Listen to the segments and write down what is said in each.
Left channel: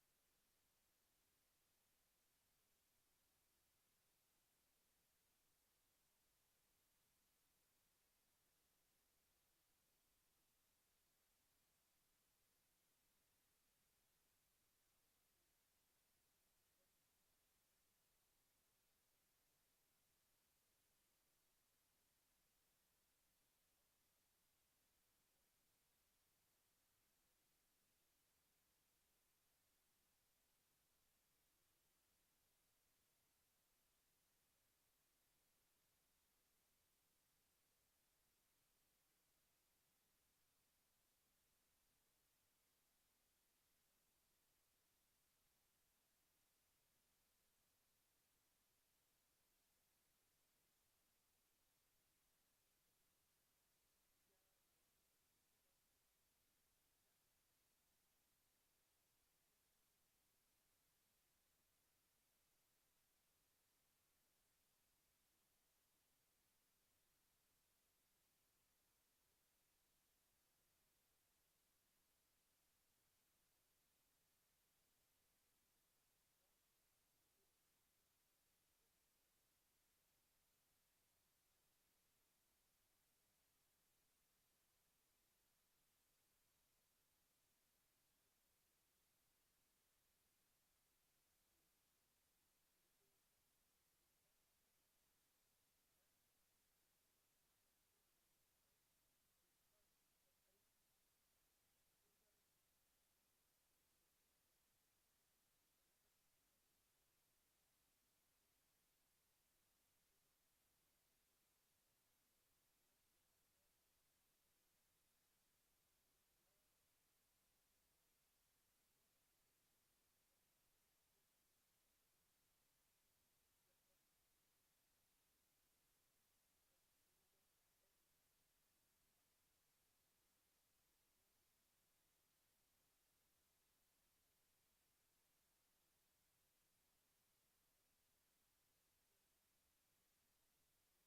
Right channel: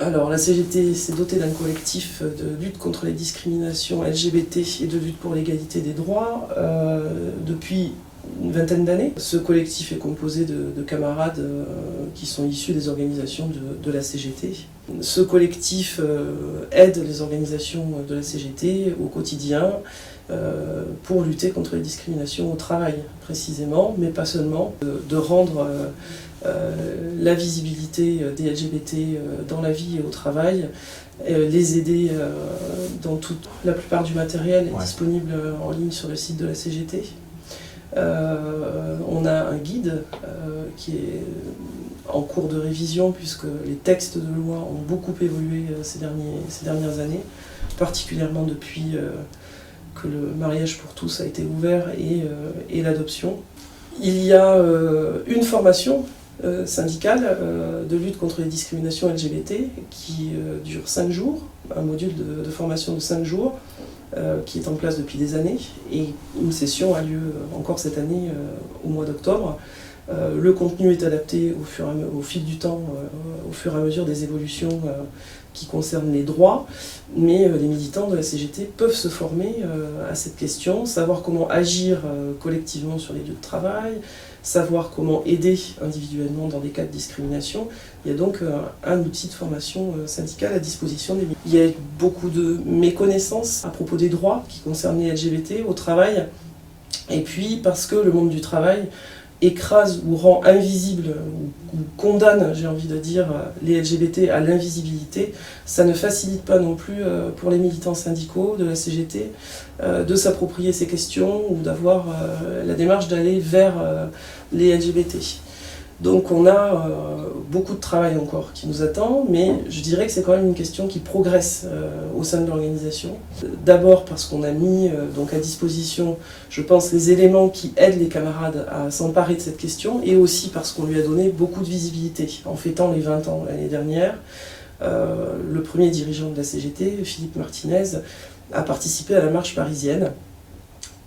Alors, la CGT s'est dotée d'un collectif de lutte contre les discriminations LGBT et de lutte pour l'égalité des droits depuis une vingtaine d'années. Ce collectif est composé de camarades qui sont issus des organisations de la CGT. Ce collectif aide les organisations de la CGT au quotidien pour lutter contre les discriminations au travail précisément, mais pas seulement, de rendre la visibilité des LGBT dans la vie et au travail, les aider dans la plupart du matériel est disponible en ligne sur le site de la CGT. On a un guide qui est en cours de révision puisque les textes de loi ont beaucoup évolué ces dernières années, particulièrement depuis que le mariage pour tous a été ouvert et l'adoption. Il y a une formation syndicale de lutte contre les discriminations LGBT qui dure 5 jours, un module de formation de 5 jours qui est en place depuis des années, et une session a lieu encore cette année au mois d'octobre. Le contenu est adapté au fil du temps, au fur et à mesure des évolutions qui concernent les droits, mais les militants de la CGT peuvent se former à cette question, savoir comment agir collectivement sur les lieux de travail, savoir comment aider individuellement dans des cas de discrimination. Il y a donc un outil de formation syndicale à disposition des militants. Il y a beaucoup de méconnaissances à propos des droits qui concernent les LGBT au travail, et puis parce que le monde du travail écrase ou rend invisible ou condamne, j'ai envie de dire, les LGBT à l'invisibilité, ça ne facilite pas non plus pour les militants syndicaux de la CGT de s'approprier ces questions ou d'avoir la démarche d'aller vers les LGBT. Donc on a beaucoup de travail encore qui nous attend, mais je dirais que c'est quand même une question qui progresse au sein de l'organisation. D'abord parce qu'on a mis donc à disposition, je pense, les éléments qui aident les camarades à s'emparer de cette question, et aussi parce qu'on lui a donné beaucoup de visibilité. En fêtant les 20 ans l'année dernière, le premier dirigeant de la CGT, Philippe Martinez, a participé à la marche parisienne,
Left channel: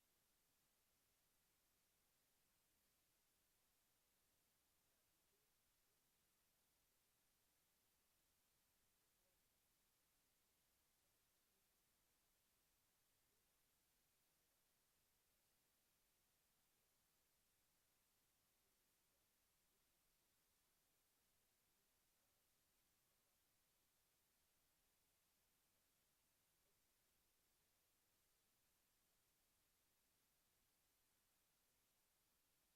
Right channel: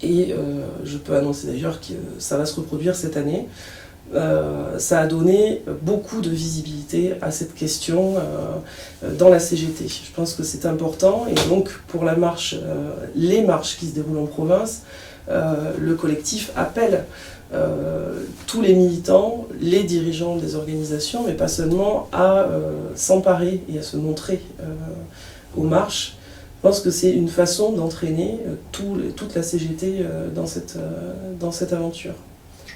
et je peux annoncer d'ailleurs que ça va se reproduire cette année. Ça a donné beaucoup de visibilité à cette question dans la CGT. Je pense que c'est important, et donc pour la marche, les marches qui se déroulent en province, le collectif appelle tous les militants, les dirigeants des organisations, mais pas seulement, à s'emparer et à se montrer aux marches. Je pense que c'est une façon d'entraîner toute la CGT dans cette aventure.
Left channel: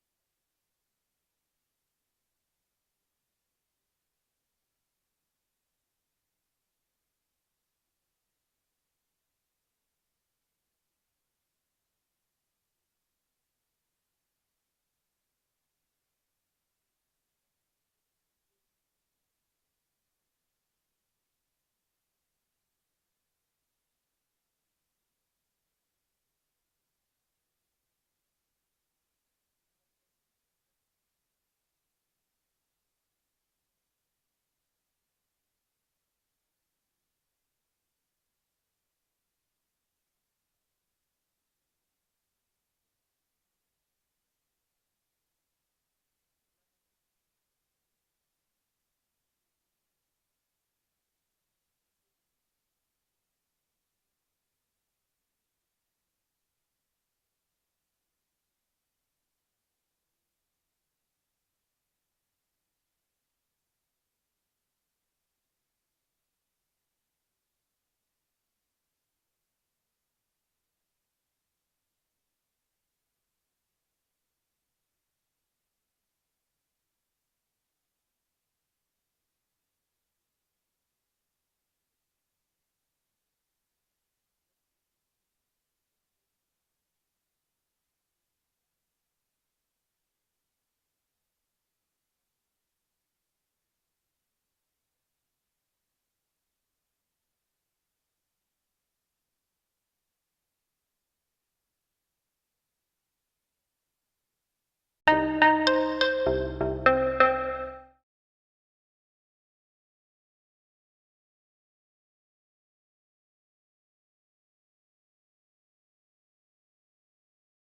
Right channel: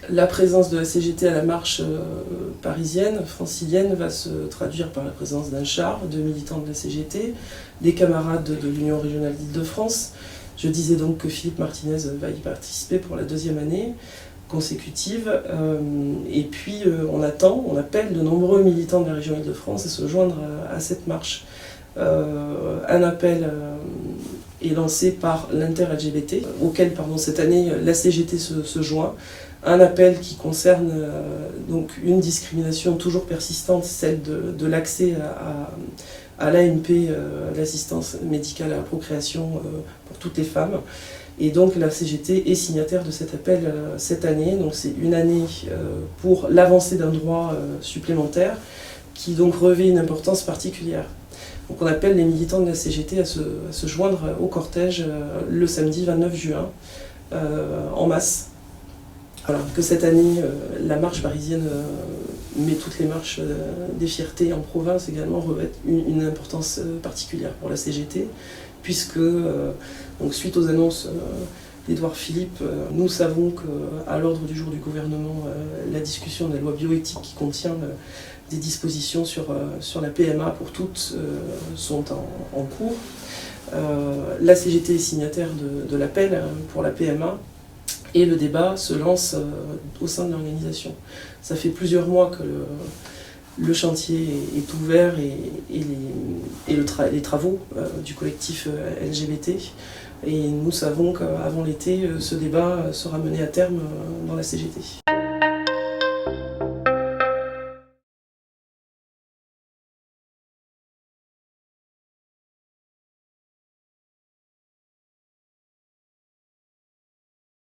La présence de la CGT à la marche parisienne, francilienne, va se traduire par la présence d'un char de militants de la CGT, des camarades de l'Union régionale d'Île-de-France. Je disais donc que Philippe Martinez va y participer pour la 2e année consécutive. Et puis on appelle de nombreux militants de la région Île-de-France à se joindre à cette marche. Un appel est lancé par l'Inter-LGBT, auquel cette année la CGT se joint. Un appel qui concerne donc une discrimination toujours persistante, celle de l'accès à l'AMP, l'assistance médicale à la procréation pour toutes les femmes. Et donc la CGT est signataire de cet appel cette année. Donc c'est une année pour l'avancée d'un droit supplémentaire qui donc revêt une importance particulière. Donc on appelle les militants de la CGT à se joindre au cortège le samedi 29 juin en masse. Alors que cette année, la marche parisienne, mais toutes les marches des fiertés en province également, revêtent une importance particulière pour la CGT, puisque, donc, suite aux annonces d'Édouard Philippe, nous savons qu'à l'ordre du jour du gouvernement, la discussion de la loi bioéthique qui contient des dispositions sur la PMA pour toutes sont en cours. La CGT est signataire de l'appel pour la PMA, et le débat se lance au sein de l'organisation. Ça fait plusieurs mois que le chantier est ouvert et les travaux du collectif LGBT. Et nous savons qu'avant l'été, ce débat sera mené à terme dans la CGT.